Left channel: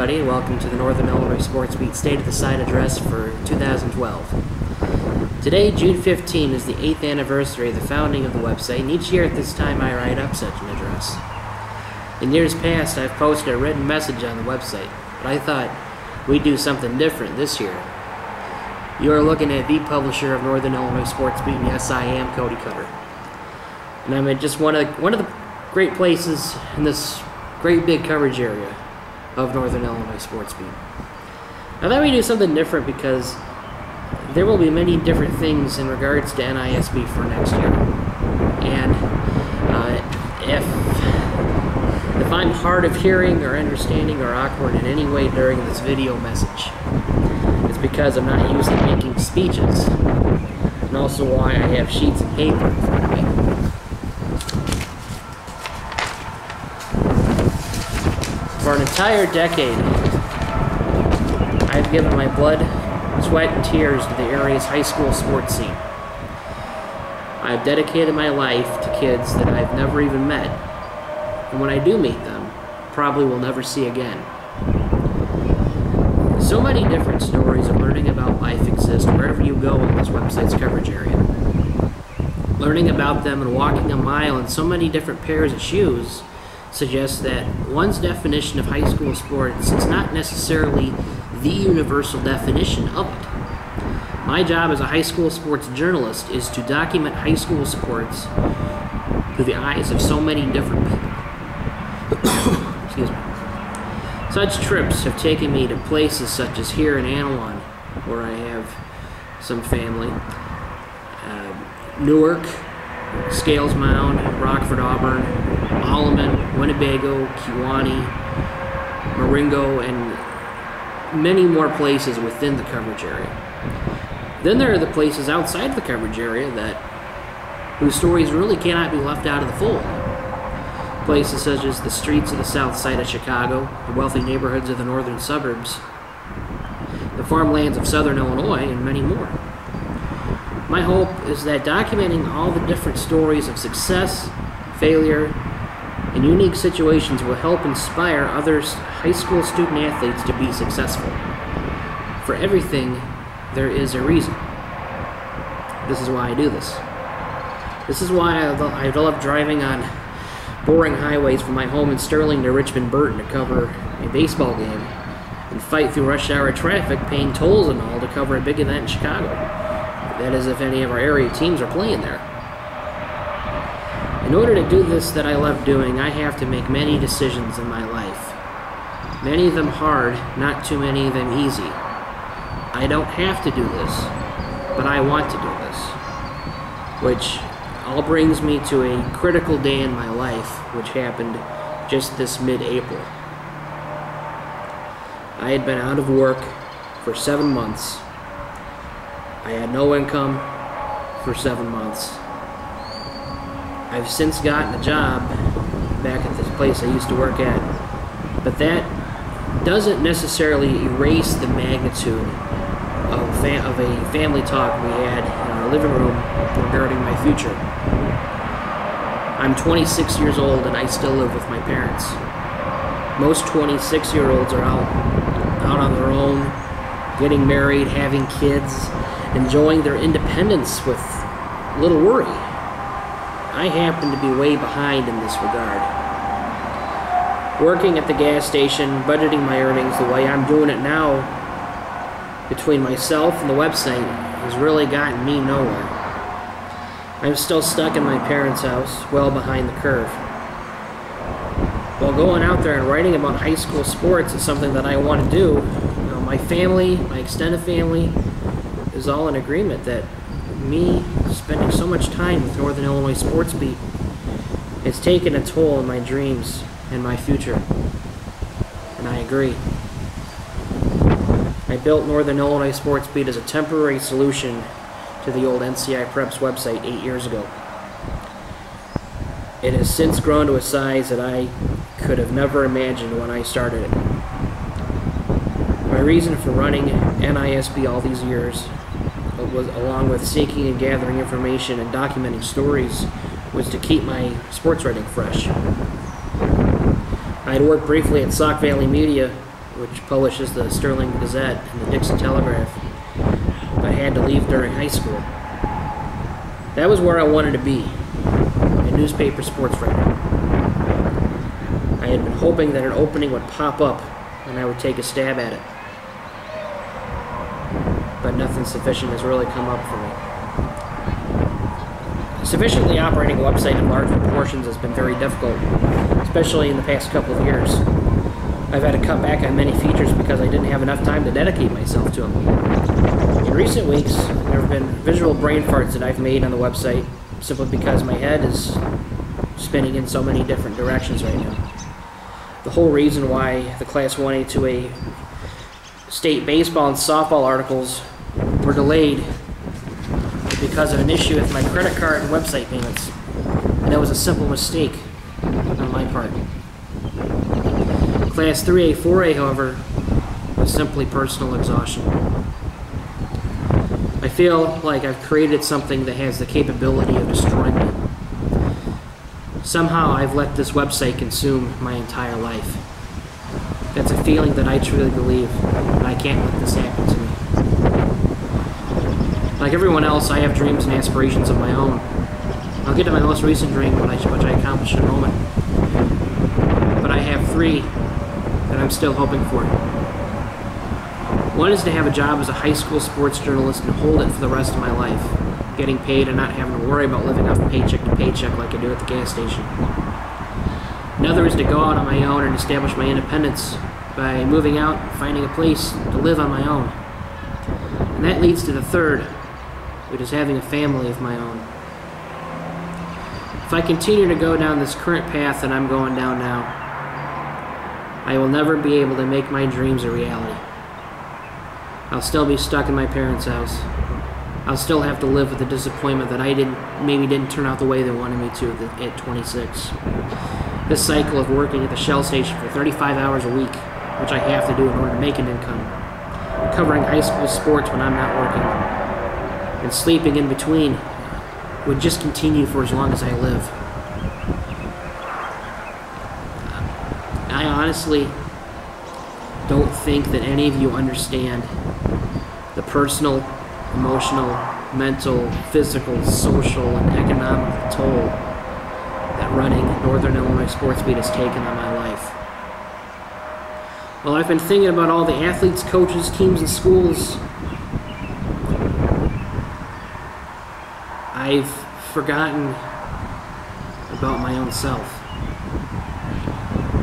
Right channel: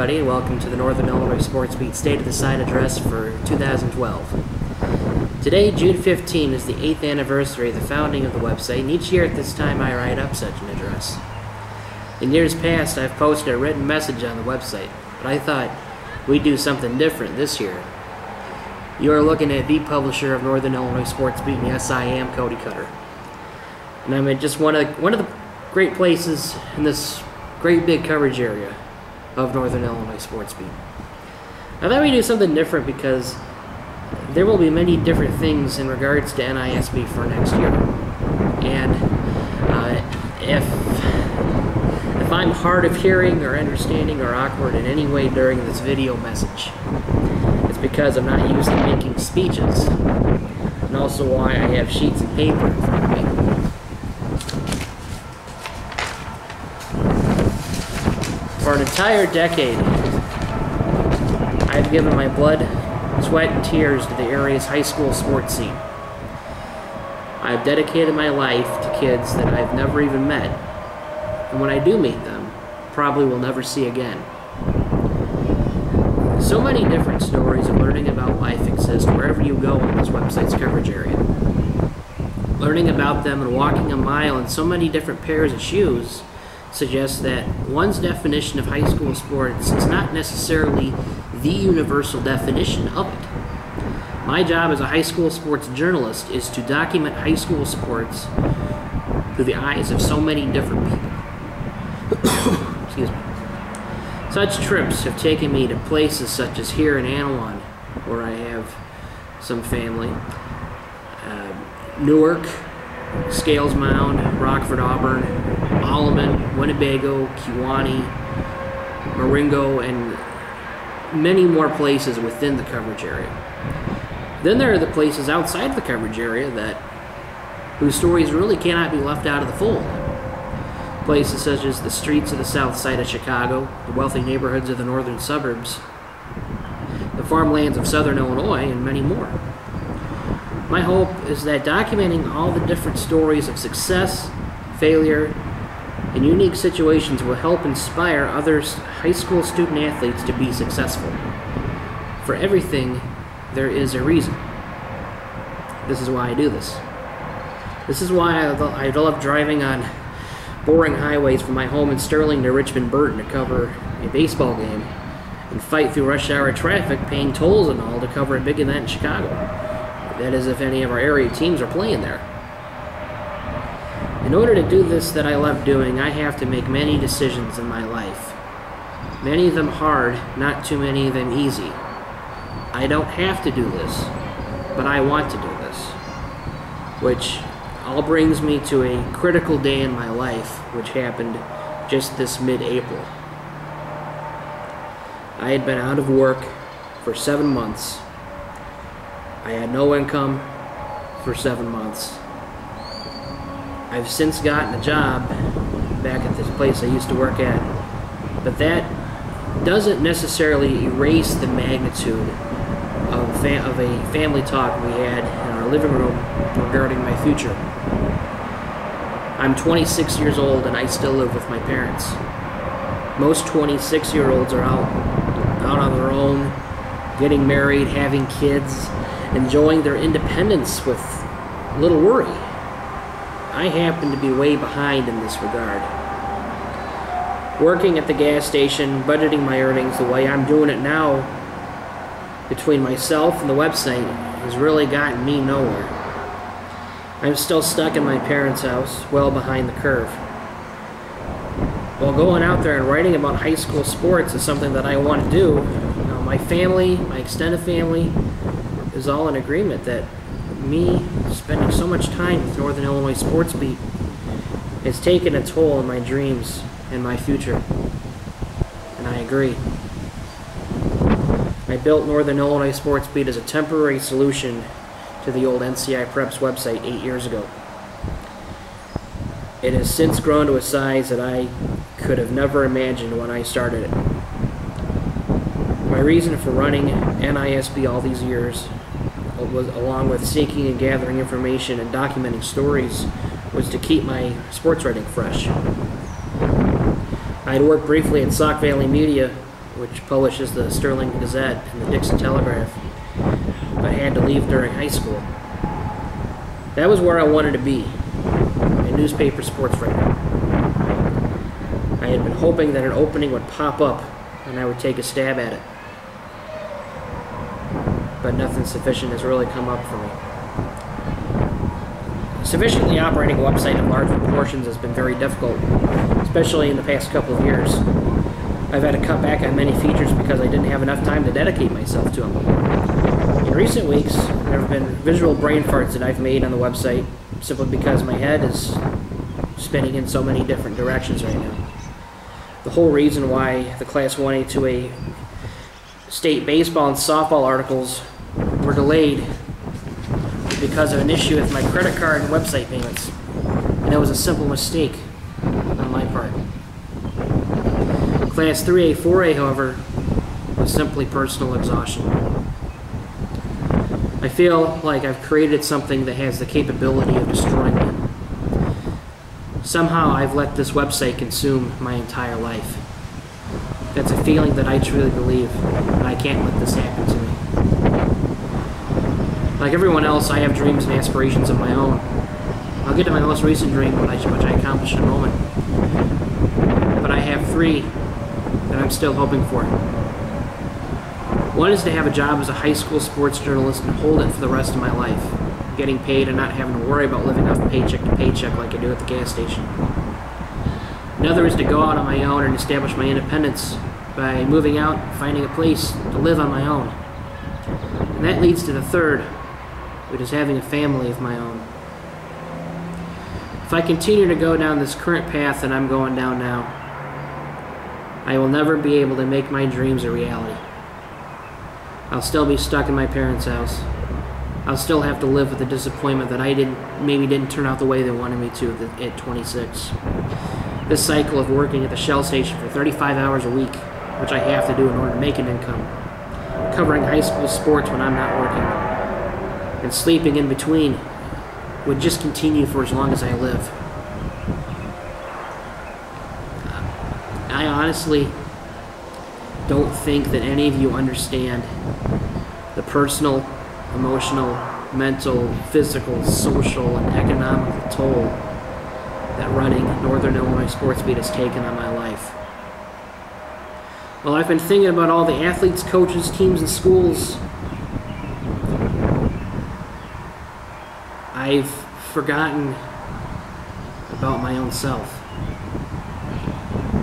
everybody, and welcome to the Northern Illinois Sports Beat State of the Side address for 2012. Today, June 15, is the 8th anniversary of the founding of the website, and each year at this time I write up such an address. In years past, I've posted a written message on the website, but I thought we'd do something different this year. You are looking at the publisher of Northern Illinois Sports Beat, and yes, I am Cody Cutter. And I'm at just one of the great places in this great big coverage area of Northern Illinois Sports Beat. I thought we'd do something different because there will be many different things in regards to NISB for next year. And if I'm hard of hearing or understanding or awkward in any way during this video message, it's because I'm not used to making speeches, and also why I have sheets and paper in front of me. For an entire decade, I've given my blood, sweat, and tears to the area's high school sports scene. I've dedicated my life to kids that I've never even met, and when I do meet them, probably will never see again. So many different stories of learning about life exist wherever you go in this website's coverage area. Learning about them and walking a mile in so many different pairs of shoes suggests that one's definition of high school sports is not necessarily the universal definition of it. My job as a high school sports journalist is to document high school sports through the eyes of so many different people. Excuse me. Such trips have taken me to places such as here in Anawan, where I have some family, Newark, Scales Mound, Rockford, Auburn, Alleman, Winnebago, Kewanee, Marengo, and many more places within the coverage area. Then there are the places outside the coverage area whose stories really cannot be left out of the fold. Places such as the streets of the south side of Chicago, the wealthy neighborhoods of the northern suburbs, the farmlands of southern Illinois, and many more. My hope is that documenting all the different stories of success, failure, and unique situations will help inspire other high school student athletes to be successful. For everything, there is a reason. This is why I do this. This is why I love driving on boring highways from my home in Sterling to Richmond Burton to cover a baseball game and fight through rush hour traffic, paying tolls and all to cover a big event in Chicago. That is, if any of our area teams are playing there. In order to do this that I love doing, I have to make many decisions in my life. Many of them hard, not too many of them easy. I don't have to do this, but I want to do this. Which all brings me to a critical day in my life, which happened just this mid-April. I had been out of work for 7 months. I had no income for 7 months. I've since gotten a job back at this place I used to work at, but that doesn't necessarily erase the magnitude of a family talk we had in our living room regarding my future. I'm 26 years old and I still live with my parents. Most 26-year-olds are out on their own, getting married, having kids, enjoying their independence with little worry. I happen to be way behind in this regard. Working at the gas station, budgeting my earnings the way I'm doing it now, between myself and the website, has really gotten me nowhere. I'm still stuck in my parents' house, well behind the curve. While going out there and writing about high school sports is something that I want to do, my family, my extended family, is all in agreement that me spending so much time with Northern Illinois Sports Beat has taken a toll on my dreams and my future. And I agree. I built Northern Illinois Sports Beat as a temporary solution to the old NCI Preps website 8 years ago. It has since grown to a size that I could have never imagined when I started it. My reason for running NISB all these years was, along with seeking and gathering information and documenting stories, was to keep my sports writing fresh. I had worked briefly at Sauk Valley Media which publishes the Sterling Gazette and the Dixon Telegraph, but had to leave during high school. That was where I wanted to be, a newspaper sports writer. I had been hoping that an opening would pop up and I would take a stab at it. But nothing sufficient has really come up for me. Sufficiently operating a website of large proportions has been very difficult, especially in the past couple of years. I've had to cut back on many features because I didn't have enough time to dedicate myself to them. In recent weeks, there have been visual brain farts that I've made on the website simply because my head is spinning in so many different directions right now. The whole reason why the Class 1A, 2A state baseball and softball articles were delayed is because of an issue with my credit card and website payments. And it was a simple mistake on my part. Class 3A, 4A, however, was simply personal exhaustion. I feel like I've created something that has the capability of destroying me. Somehow I've let this website consume my entire life. That's a feeling that I truly believe, and I can't let this happen to me. Like everyone else, I have dreams and aspirations of my own. I'll get to my most recent dream, which I accomplished in a moment. But I have three that I'm still hoping for. One is to have a job as a high school sports journalist and hold it for the rest of my life, getting paid and not having to worry about living off paycheck to paycheck like I do at the gas station. Another is to go out on my own and establish my independence by moving out and finding a place to live on my own. And that leads to the third, which is having a family of my own. If I continue to go down this current path that I'm going down now, I will never be able to make my dreams a reality. I'll still be stuck in my parents' house. I'll still have to live with the disappointment that I maybe didn't turn out the way they wanted me to at 26. This cycle of working at the Shell station for 35 hours a week, which I have to do in order to make an income, covering high school sports when I'm not working, and sleeping in between would just continue for as long as I live. I honestly don't think that any of you understand the personal, emotional, mental, physical, social, and economical toll that running Northern Illinois Sports Beat has taken on my life. Well, I've been thinking about all the athletes, coaches, teams, and schools. I've forgotten about my own self.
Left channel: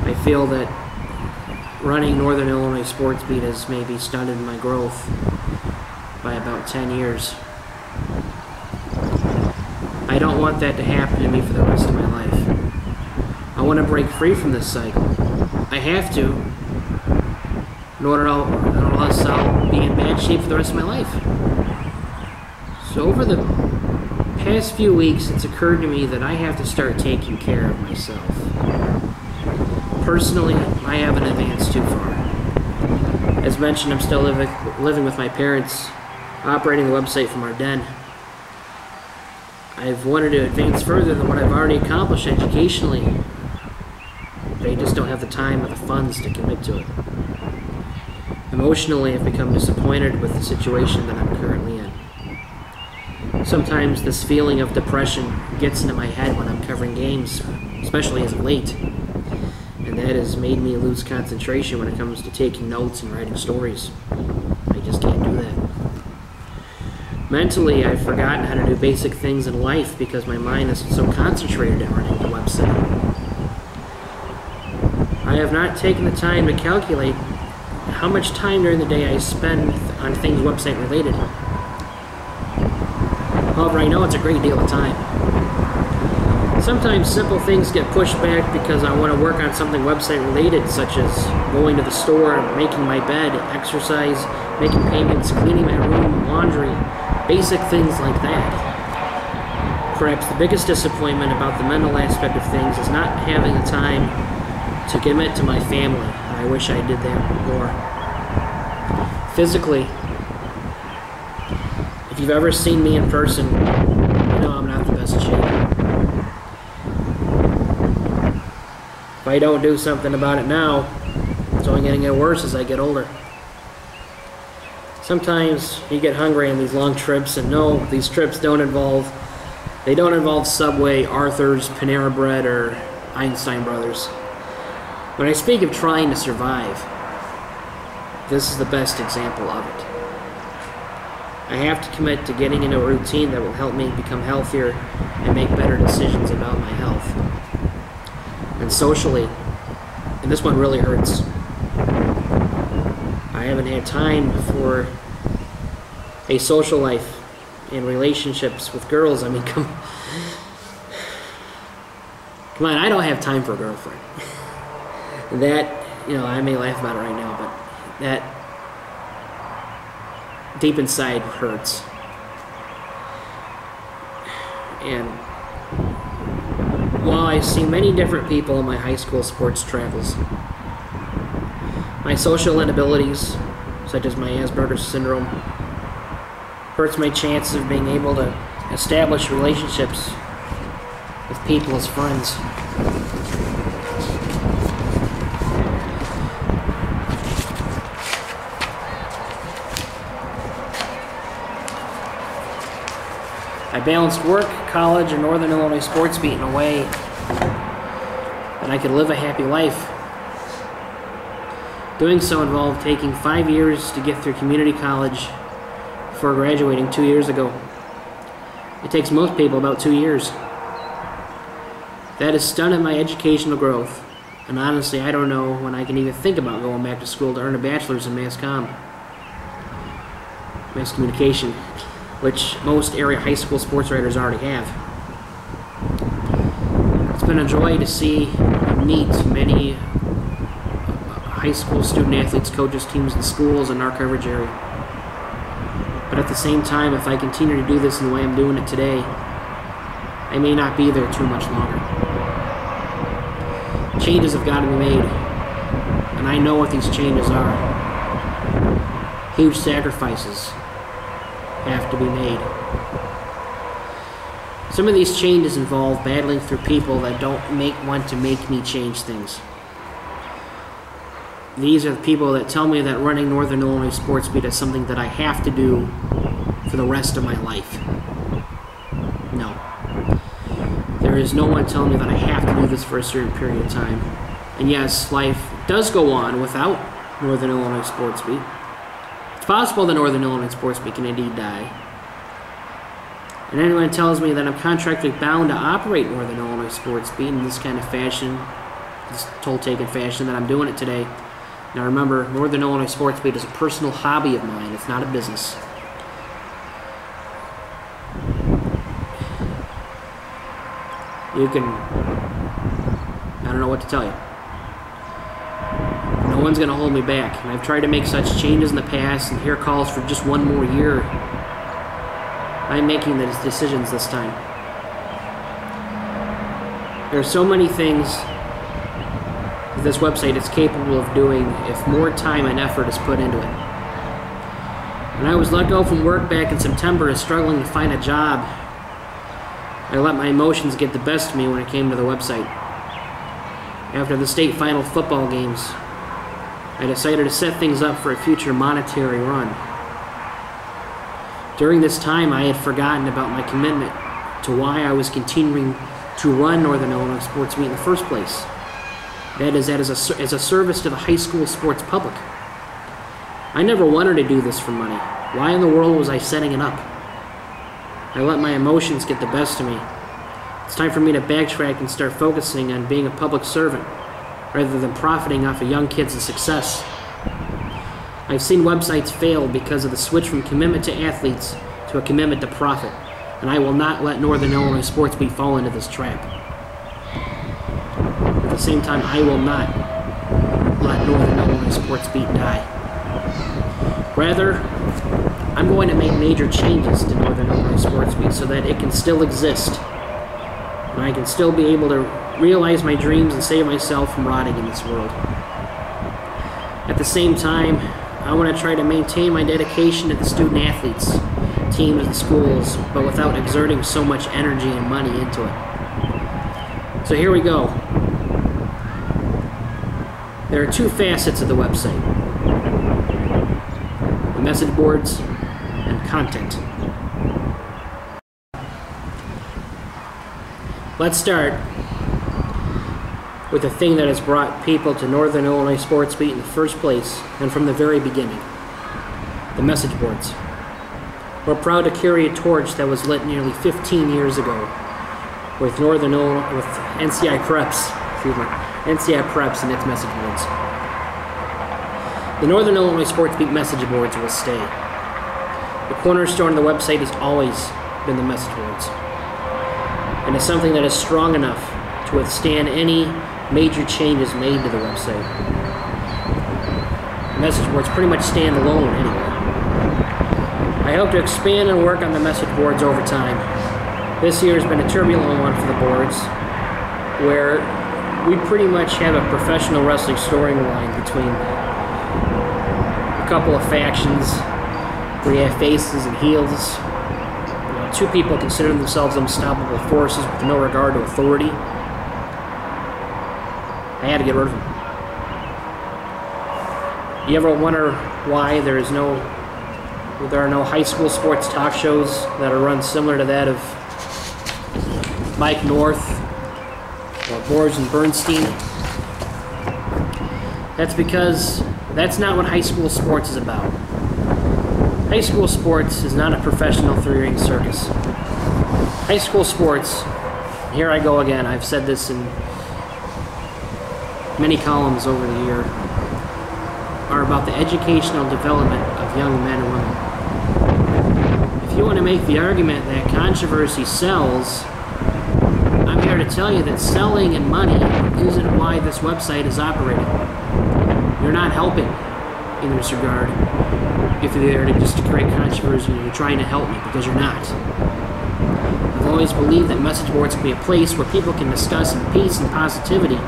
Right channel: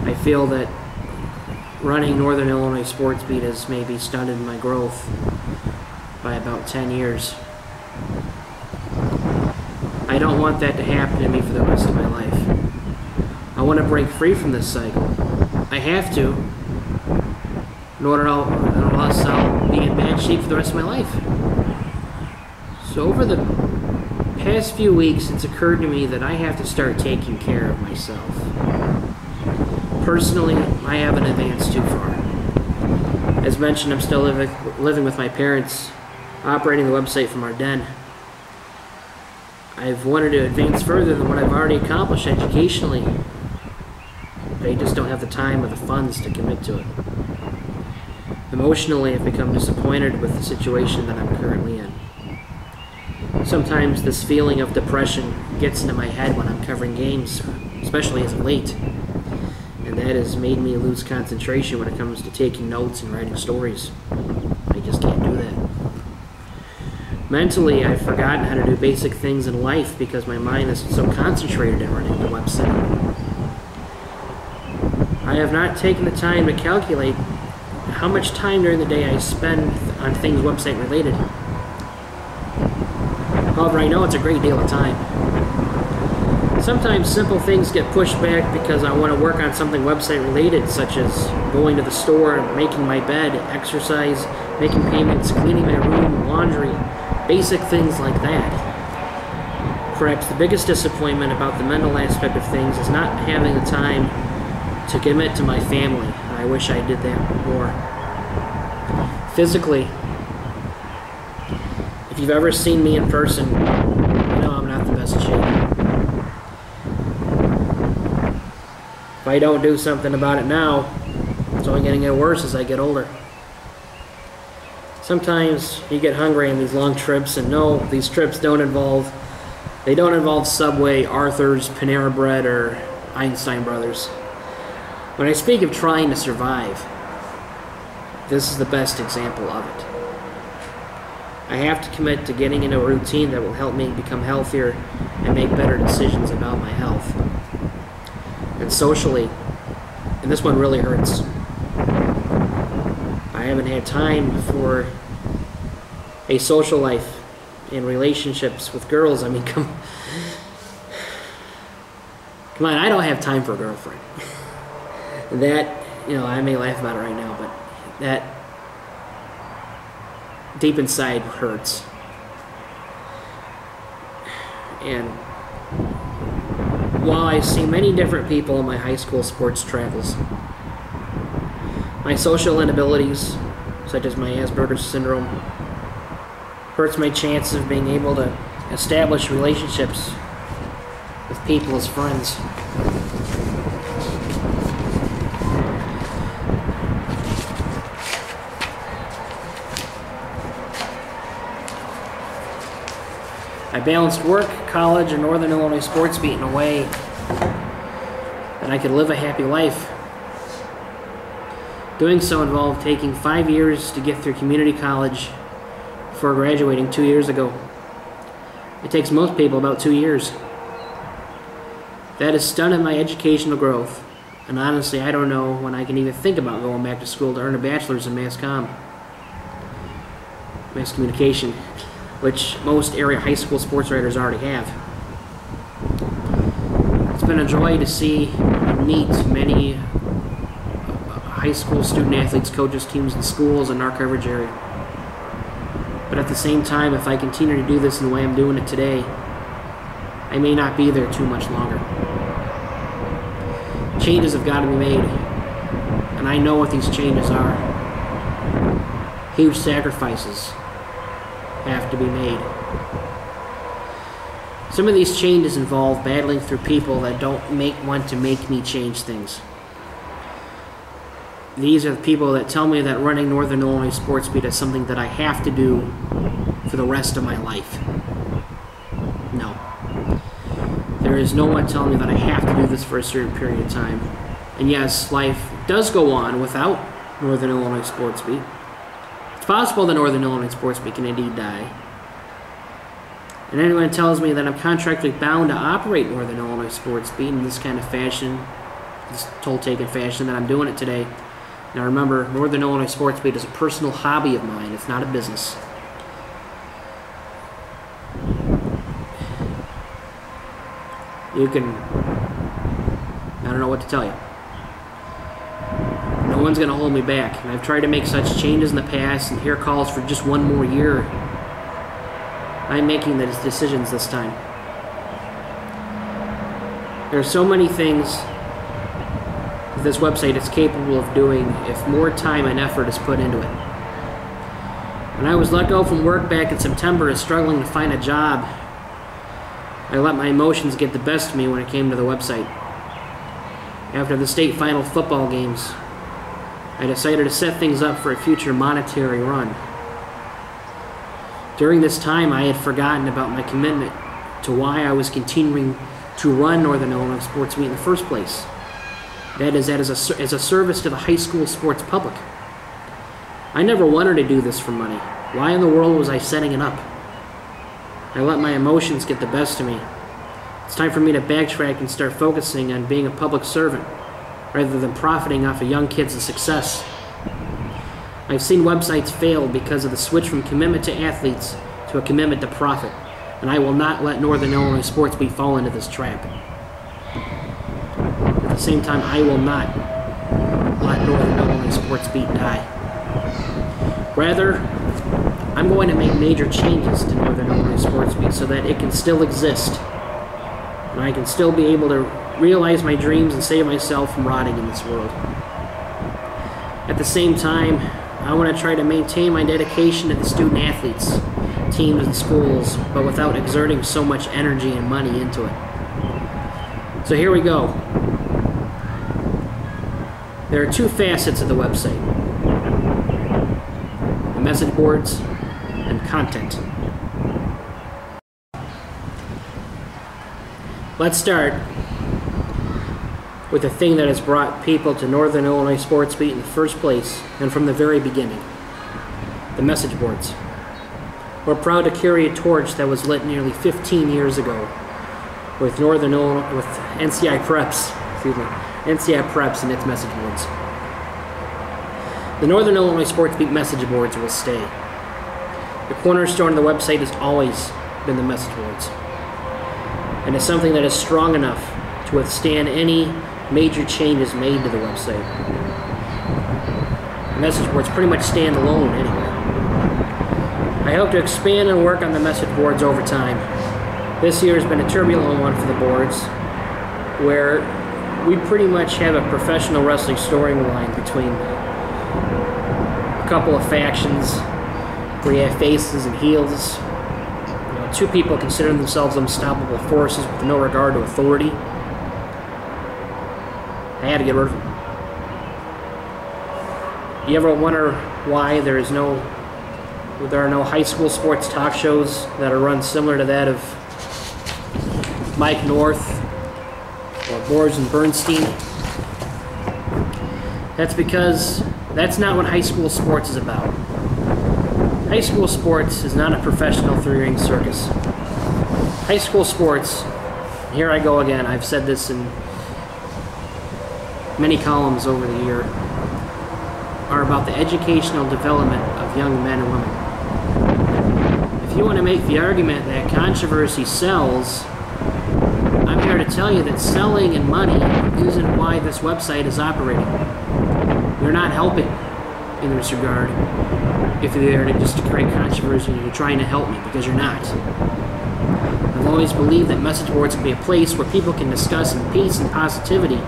I feel that running Northern Illinois Sports Beat has maybe stunted my growth by about 10 years. I don't want that to happen to me for the rest of my life. I want to break free from this cycle. I have to, in order or else I'll be in bad shape for the rest of my life. So over the past few weeks, it's occurred to me that I have to start taking care of myself. Personally, I haven't advanced too far. As mentioned, I'm still living with my parents, operating the website from our den. I've wanted to advance further than what I've already accomplished educationally. But I just don't have the time or the funds to commit to it. Emotionally, I've become disappointed with the situation that I'm currently in. Sometimes this feeling of depression gets into my head when I'm covering games, especially as of late. And that has made me lose concentration when it comes to taking notes and writing stories. I just can't do that. Mentally, I've forgotten how to do basic things in life because my mind is so concentrated in running the website. I have not taken the time to calculate how much time during the day I spend on things website related. However, I know it's a great deal of time. Sometimes simple things get pushed back because I want to work on something website related, such as going to the store, making my bed, exercise, making payments, cleaning my room, laundry, basic things like that. Perhaps the biggest disappointment about the mental aspect of things is not having the time to commit to my family. I wish I did that more. Physically, if you've ever seen me in person, you know I'm not the best shape. If I don't do something about it now, It's only going to get worse as I get older. Sometimes you get hungry on these long trips, and no, these trips don't involve Subway, Arthur's, Panera Bread, or Einstein Brothers. When I speak of trying to survive, this is the best example of it. I have to commit to getting into a routine that will help me become healthier and make better decisions about my health. And socially, and this one really hurts, I haven't had time for a social life and relationships with girls. I mean, come on, I don't have time for a girlfriend. That, I may laugh about it right now, but that deep inside hurts. And while I see many different people in my high school sports travels, my social inabilities, such as my Asperger's syndrome, hurts my chances of being able to establish relationships with people as friends. I balanced work, college, and Northern Illinois sports beat in a way that I could live a happy life. Doing so involved taking 5 years to get through community college before graduating 2 years ago. It takes most people about 2 years. That has stunted my educational growth, and honestly, I don't know when I can even think about going back to school to earn a bachelor's in mass communication, which most area high school sports writers already have. It's been a joy to see and meet many high school student athletes, coaches, teams, and schools in our coverage area. But at the same time, if I continue to do this in the way I'm doing it today, I may not be there too much longer. Changes have got to be made, and I know what these changes are. Huge sacrifices have to be made. Some of these changes involve battling through people that don't want to make me change things. These are the people that tell me that running Northern Illinois Sports Beat is something that I have to do for the rest of my life. No. There is no one telling me that I have to do this for a certain period of time. And yes, life does go on without Northern Illinois Sports Beat. It's possible that Northern Illinois Sports Beat can indeed die. And anyone tells me that I'm contractually bound to operate Northern Illinois Sports Beat in this kind of fashion, this toll-taking fashion that I'm doing it today. Now remember, Northern Illinois Sports Beat is a personal hobby of mine. It's not a business. I don't know what to tell you. No one's going to hold me back. And I've tried to make such changes in the past, and here calls for just one more year. I'm making the decisions this time. There are so many things that this website is capable of doing if more time and effort is put into it. When I was let go from work back in September and struggling to find a job, I let my emotions get the best of me when it came to the website. After the state final football games, I decided to set things up for a future monetary run. During this time, I had forgotten about my commitment to why I was continuing to run Northern Illinois Sports Beat in the first place. That is, as a service to the high school sports public. I never wanted to do this for money. Why in the world was I setting it up? I let my emotions get the best of me. It's time for me to backtrack and start focusing on being a public servant rather than profiting off of young kids' success. I've seen websites fail because of the switch from commitment to athletes to a commitment to profit, and I will not let Northern Illinois Sports Beat fall into this trap. At the same time, I will not let Northern Illinois Sports Beat die. Rather, I'm going to make major changes to Northern Illinois Sports Beat so that it can still exist, and I can still be able to realize my dreams and save myself from rotting in this world. At the same time, I want to try to maintain my dedication to the student athletes, teams, and schools, but without exerting so much energy and money into it. So here we go. There are two facets of the website: the message boards and content. Let's start with the thing that has brought people to Northern Illinois Sports Beat in the first place and from the very beginning: the message boards. We're proud to carry a torch that was lit nearly 15 years ago with NCI Preps and its message boards. The Northern Illinois Sports Beat message boards will stay. The cornerstone of the website has always been the message boards, and it's something that is strong enough to withstand any major changes made to the website. The message boards pretty much stand alone anyway. I hope to expand and work on the message boards over time. This year has been a turbulent one for the boards, where we pretty much have a professional wrestling storyline between a couple of factions, where you have faces and heels. You know, two people consider themselves unstoppable forces with no regard to authority. I had to get rid of them. You ever wonder why there are no high school sports talk shows that are run similar to that of Mike North or Boris and Bernstein? That's because that's not what high school sports is about. High school sports is not a professional three-ring circus. High school sports, here I go again, I've said this in many columns over the year, are about the educational development of young men and women. If you want to make the argument that controversy sells, I'm here to tell you that selling and money isn't why this website is operating. You're not helping in this regard if you're there to just create controversy and you're trying to help me, because you're not. I've always believed that message boards can be a place where people can discuss in peace and positivity,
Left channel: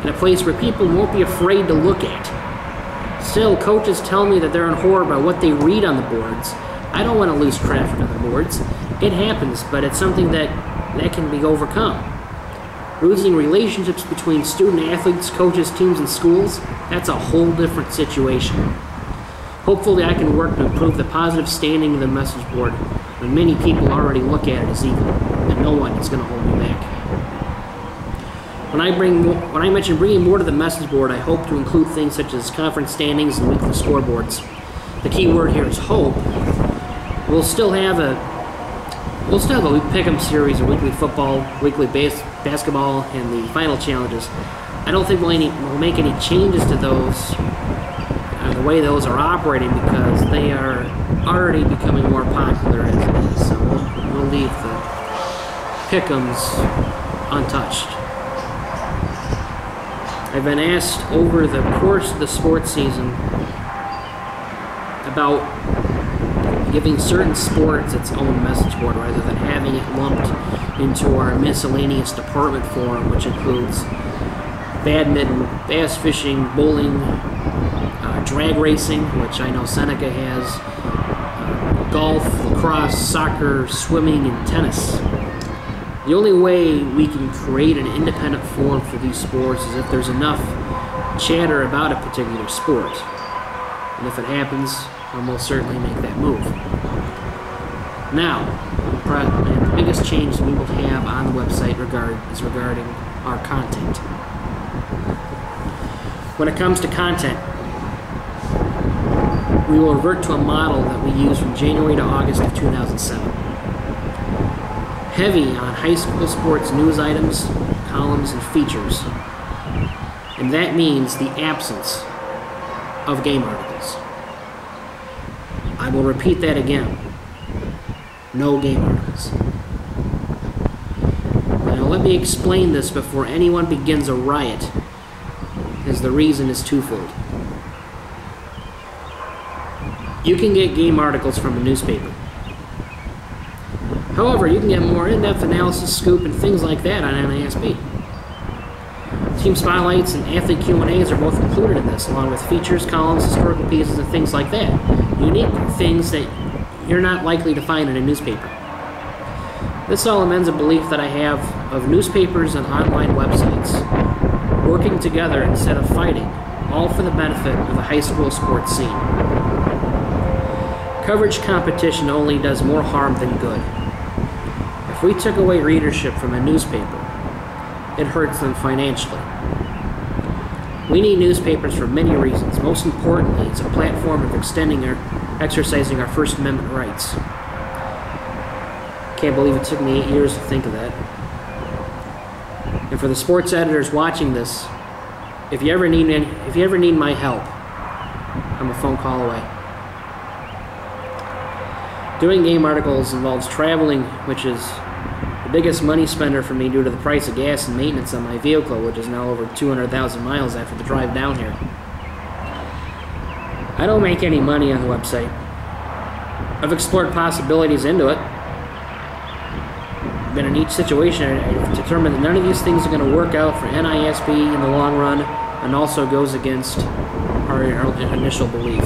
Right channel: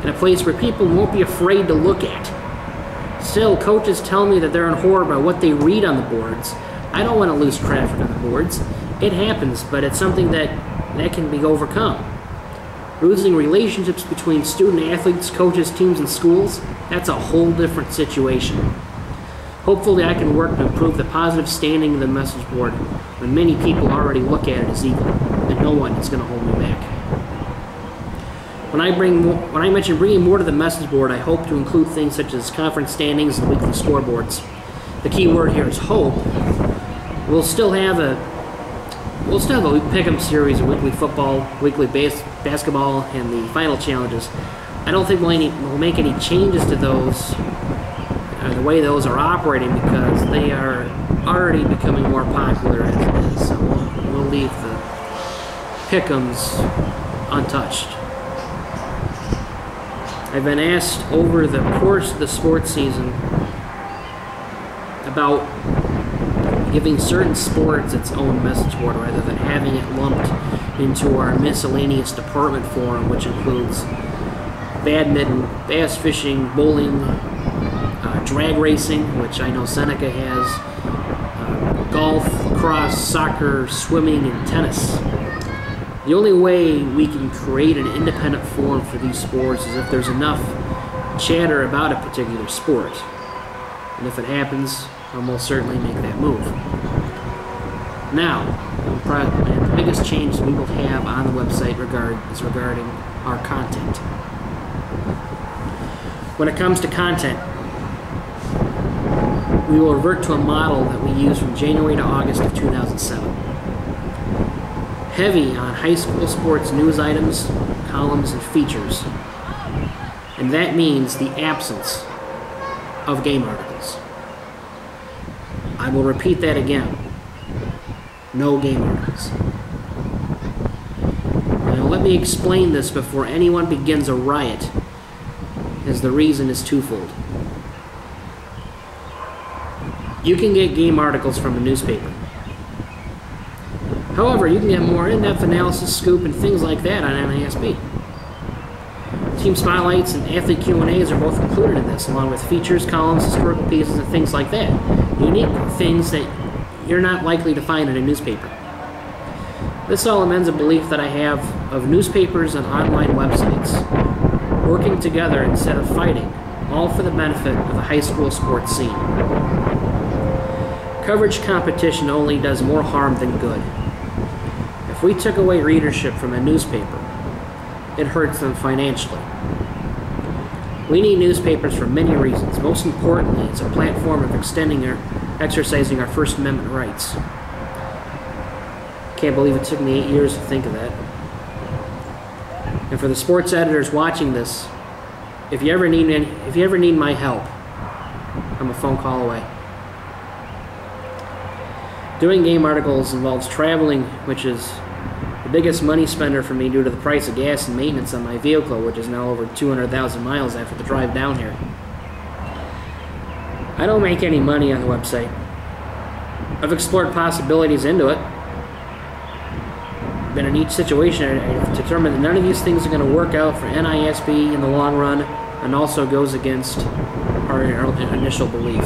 and a place where people won't be afraid to look at. Still, coaches tell me that they're in horror by what they read on the boards. I don't want to lose traffic on the boards. It happens, but it's something that can be overcome. Losing relationships between student athletes, coaches, teams, and schools, that's a whole different situation. Hopefully I can work to improve the positive standing of the message board when many people already look at it as evil, and no one is going to hold me back. When I mention bringing more to the message board, I hope to include things such as conference standings and weekly scoreboards. The key word here is hope. We'll still have a pick'em series of weekly football, weekly basketball, and the final challenges. I don't think we'll make any changes to those, the way those are operating, because they are already becoming more popular as it is. So we'll leave the pick'ems untouched. I've been asked over the course of the sports season about giving certain sports its own message board rather than having it lumped into our miscellaneous department forum, which includes badminton, bass fishing, bowling, drag racing, which I know Seneca has, golf, lacrosse, soccer, swimming, and tennis. The only way we can create an independent forum for these sports is if there's enough chatter about a particular sport. And if it happens, I'll most certainly make that move. Now, the biggest change we will have on the website is regarding our content. When it comes to content, we will revert to a model that we used from January to August of 2007. Heavy on high school sports news items, columns, and features. And that means the absence of game articles. I will repeat that again. No game articles. Now let me explain this before anyone begins a riot, as the reason is twofold. You can get game articles from a newspaper. However, you can get more in-depth analysis, scoop, and things like that on NISB. Team spotlights and athlete Q&As are both included in this, along with features, columns, historical pieces, and things like that. Unique things that you're not likely to find in a newspaper. This all amends a belief that I have of newspapers and online websites, working together instead of fighting, all for the benefit of the high school sports scene. Coverage competition only does more harm than good. If we took away readership from a newspaper, it hurts them financially. We need newspapers for many reasons. Most importantly, it's a platform of exercising our First Amendment rights. Can't believe it took me 8 years to think of that. And for the sports editors watching this, if you ever need my help, I'm a phone call away. Doing game articles involves traveling, which is the biggest money spender for me due to the price of gas and maintenance on my vehicle, which is now over 200,000 miles after the drive down here. I don't make any money on the website. I've explored possibilities into it. But in each situation, I've determined that none of these things are going to work out for NISB in the long run, and also goes against our initial belief.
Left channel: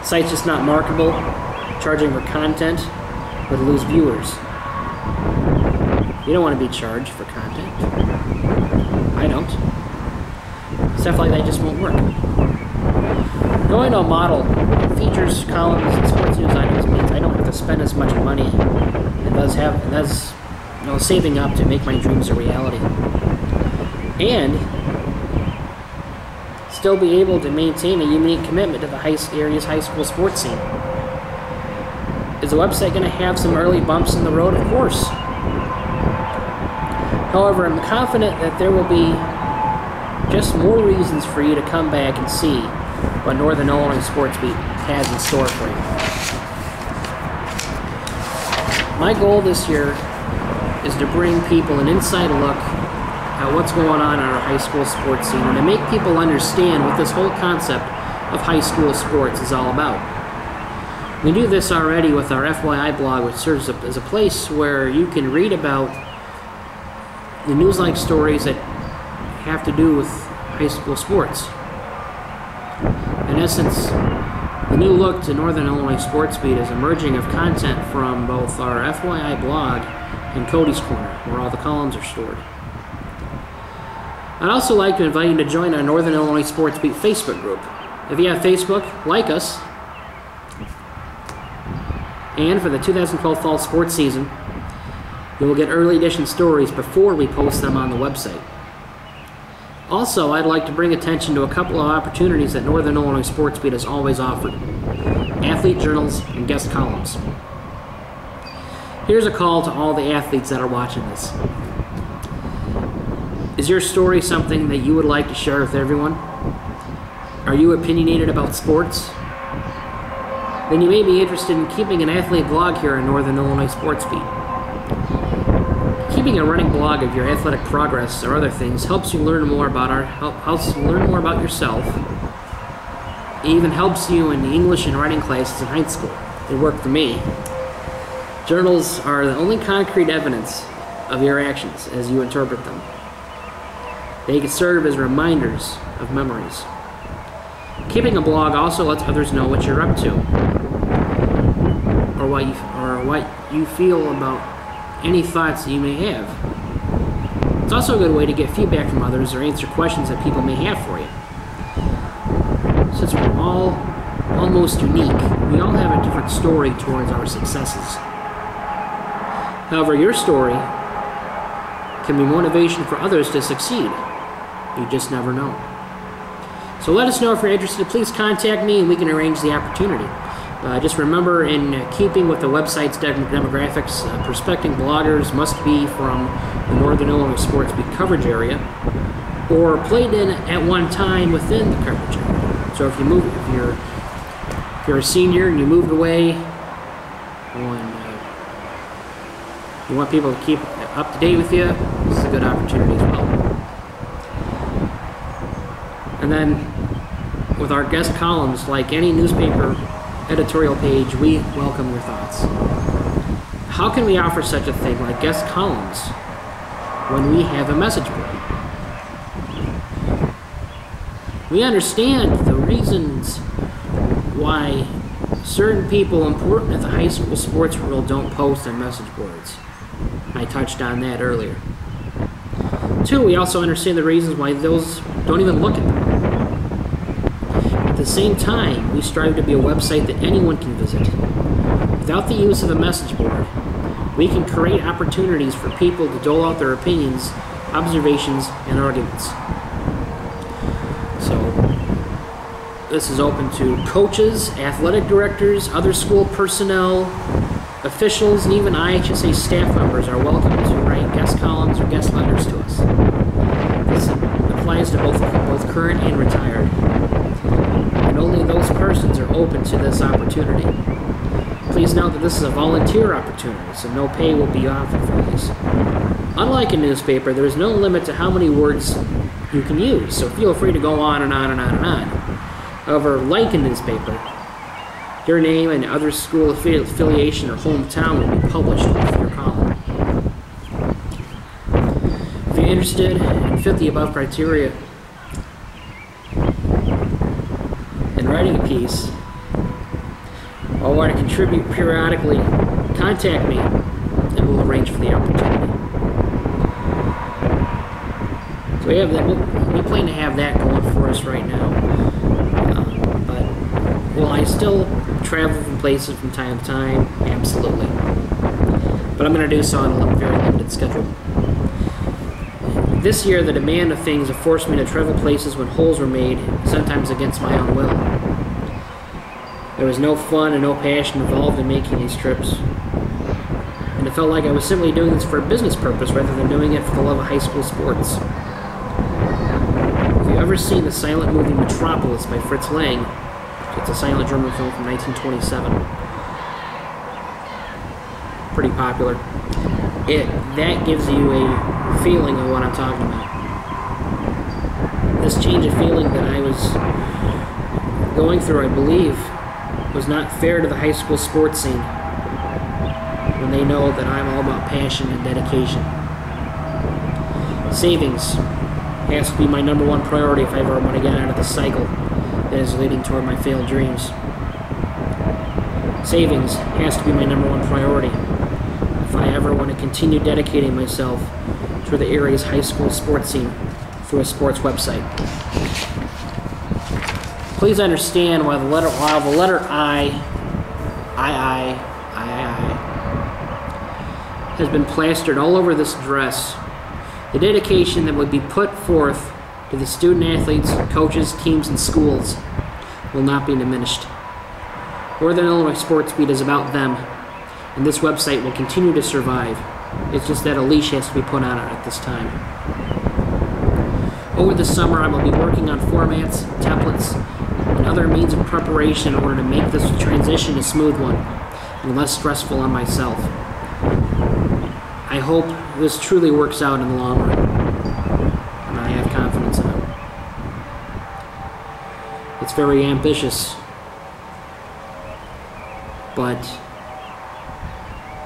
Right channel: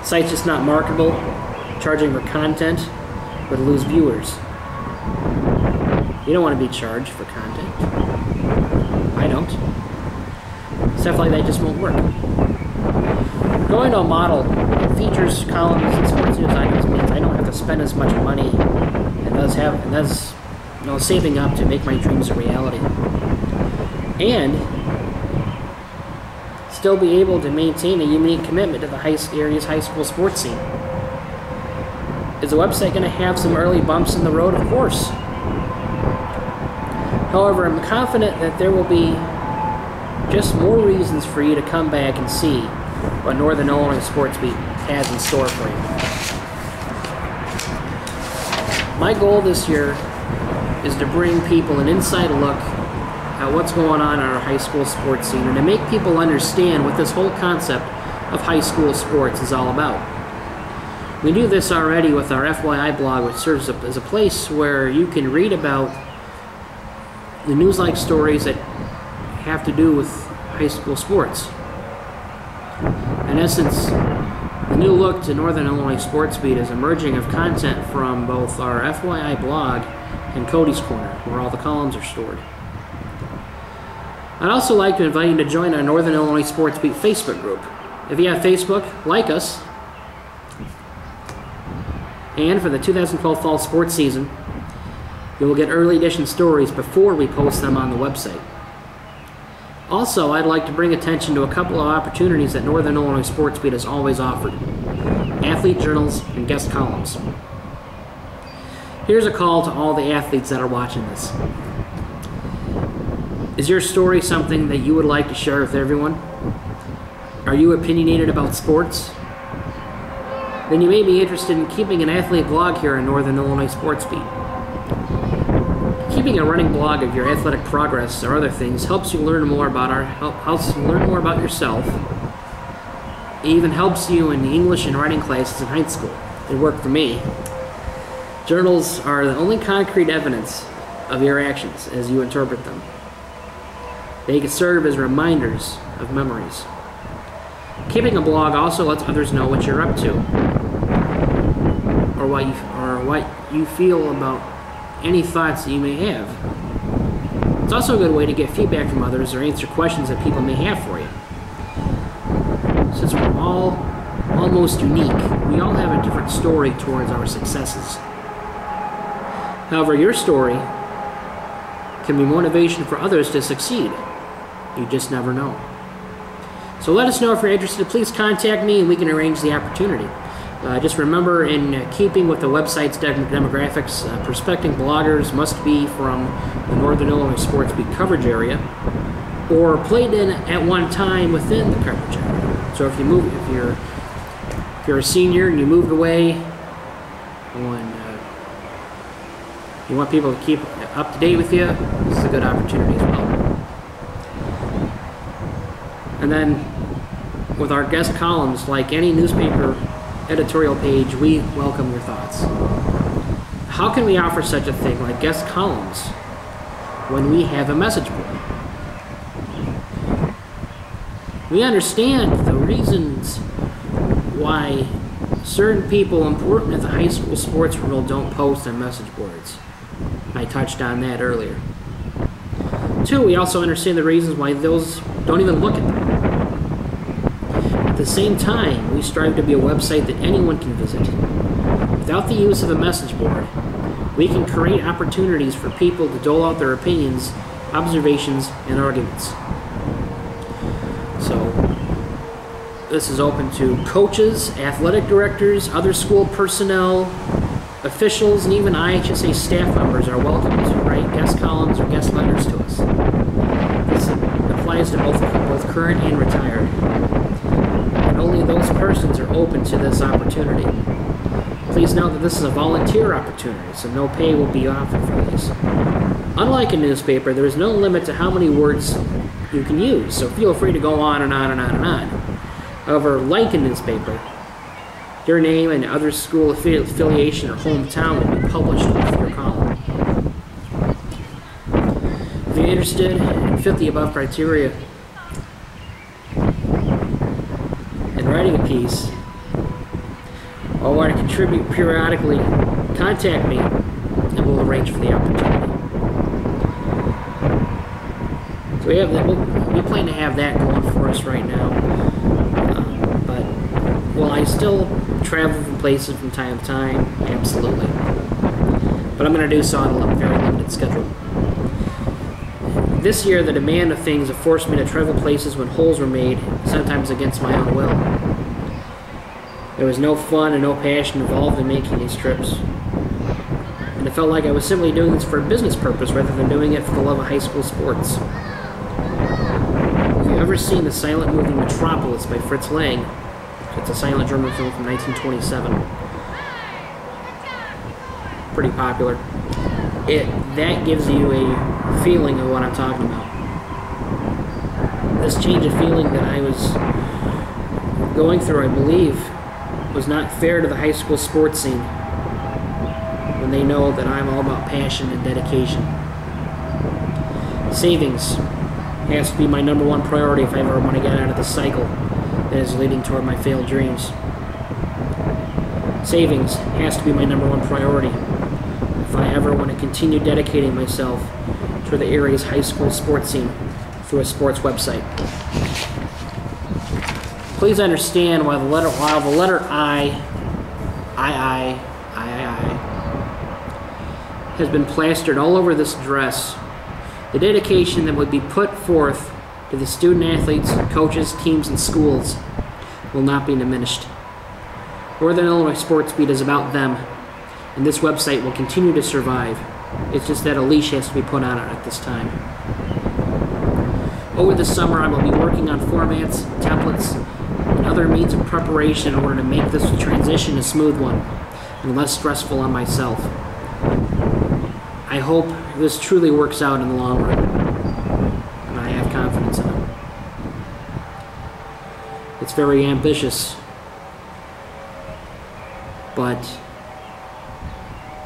The site's just not marketable. Charging for content would lose viewers. You don't want to be charged for content. I don't. Stuff like that just won't work. Going to a model that features columns and sports news items means I don't have to spend as much money, and thus saving up to make my dreams a reality, and still be able to maintain a unique commitment to the area's high school sports scene. Is the website going to have some early bumps in the road? Of course. However, I'm confident that there will be just more reasons for you to come back and see what Northern Illinois Sports Beat has in store for you. My goal this year is to bring people an inside look at what's going on in our high school sports scene and to make people understand what this whole concept of high school sports is all about. We do this already with our FYI blog, which serves as a place where you can read about the news-like stories that have to do with high school sports. In essence, the new look to Northern Illinois Sports Beat is a merging of content from both our FYI blog and Cody's Corner, where all the columns are stored. I'd also like to invite you to join our Northern Illinois Sports Beat Facebook group. If you have Facebook, like us. And for the 2012 fall sports season, you will get early edition stories before we post them on the website. Also, I'd like to bring attention to a couple of opportunities that Northern Illinois Sports Beat has always offered: athlete journals and guest columns. Here's a call to all the athletes that are watching this. Is your story something that you would like to share with everyone? Are you opinionated about sports? Then you may be interested in keeping an athlete blog here in Northern Illinois Sports Beat. Keeping a running blog of your athletic progress or other things helps you learn more about yourself. It even helps you in the English and writing classes in high school. It worked for me. Journals are the only concrete evidence of your actions as you interpret them. They can serve as reminders of memories. Keeping a blog also lets others know what you're up to, or what you feel about any thoughts that you may have. It's also a good way to get feedback from others or answer questions that people may have for you. Since we're all almost unique, we all have a different story towards our successes. However, your story can be motivation for others to succeed. You just never know. So let us know if you're interested. Please contact me and we can arrange the opportunity. Just remember, in keeping with the website's demographics, prospecting bloggers must be from the Northern Illinois Sports Beat coverage area or played in at one time within the coverage area. So if you're a senior and you moved away, and you want people to keep up to date with you, this is a good opportunity as well. And then with our guest columns, like any newspaper editorial page, we welcome your thoughts. How can we offer such a thing like guest columns when we have a message board? We understand the reasons why certain people important in the high school sports world don't post on message boards. I touched on that earlier. Two, we also understand the reasons why those don't even look at them. At the same time, we strive to be a website that anyone can visit. Without the use of a message board, we can create opportunities for people to dole out their opinions, observations, and arguments. So, this is open to coaches, athletic directors, other school personnel, officials, and even IHSA staff members are welcome to write guest columns or guest letters to us. This applies to both current and retired. And only those persons are open to this opportunity. Please note that this is a volunteer opportunity, so no pay will be offered for these. Unlike a newspaper, there is no limit to how many words you can use, so feel free to go on and on and on and on. However, like a newspaper, your name and other school affiliation or hometown will be published with your column. If you're interested and fit the above criteria in writing a piece, or want to contribute periodically, contact me and we'll arrange for the opportunity. So we have that. We plan to have that going for us right now. But will I still travel from places from time to time? Absolutely. But I'm going to do so on a very limited schedule. This year, the demand of things have forced me to travel places when holes were made, sometimes against my own will. There was no fun and no passion involved in making these trips. And it felt like I was simply doing this for a business purpose rather than doing it for the love of high school sports. Have you ever seen the silent movie Metropolis by Fritz Lang? It's a silent German film from 1927. Pretty popular. That gives you a feeling of what I'm talking about. This change of feeling that I was going through, I believe, was not fair to the high school sports scene when they know that I'm all about passion and dedication. Savings has to be my number one priority if I ever want to get out of the cycle that is leading toward my failed dreams. Savings has to be my number one priority if I ever want to continue dedicating myself to the area's high school sports scene through a sports website. Please understand while the letter I has been plastered all over this dress, the dedication that would be put forth to the student athletes, coaches, teams, and schools will not be diminished. Northern Illinois Sports Beat is about them, and this website will continue to survive. It's just that a leash has to be put on it at this time. Over the summer, I will be working on formats, templates, and other means of preparation in order to make this transition a smooth one and less stressful on myself. I hope this truly works out in the long run, and I have confidence in it. It's very ambitious, but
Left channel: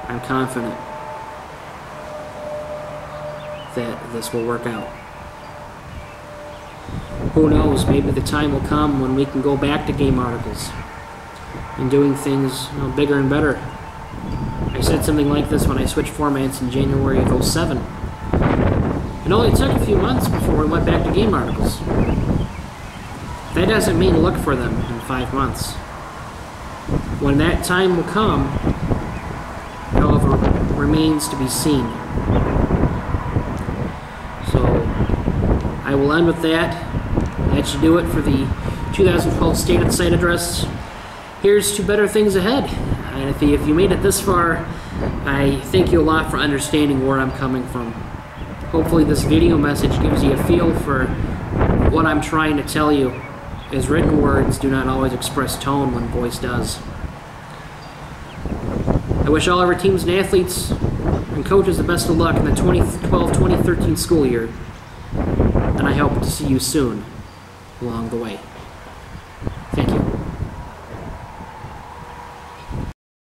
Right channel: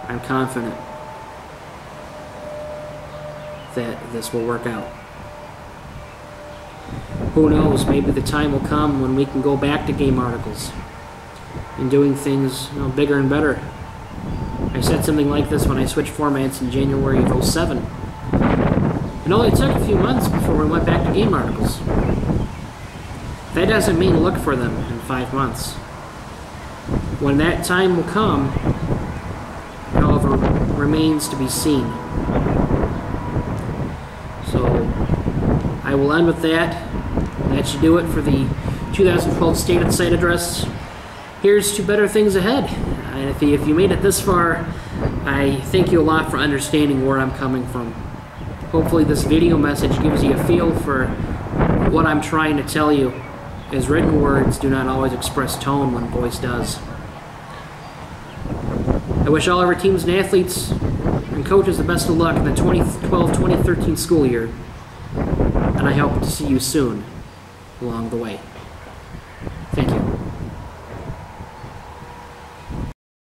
I'm confident that this will work out. Who knows, maybe the time will come when we can go back to game articles and doing things, bigger and better. I said something like this when I switched formats in January of 2007. It only took a few months before we went back to game articles. That doesn't mean look for them in 5 months. When that time will come, however, remains to be seen. So, I will end with that. That should do it for the 2012 State of the Site address. Here's to better things ahead. And if you made it this far, I thank you a lot for understanding where I'm coming from. Hopefully this video message gives you a feel for what I'm trying to tell you, as written words do not always express tone when voice does. I wish all of our teams and athletes and coaches the best of luck in the 2012-2013 school year, and I hope to see you soon along the way. Thank you.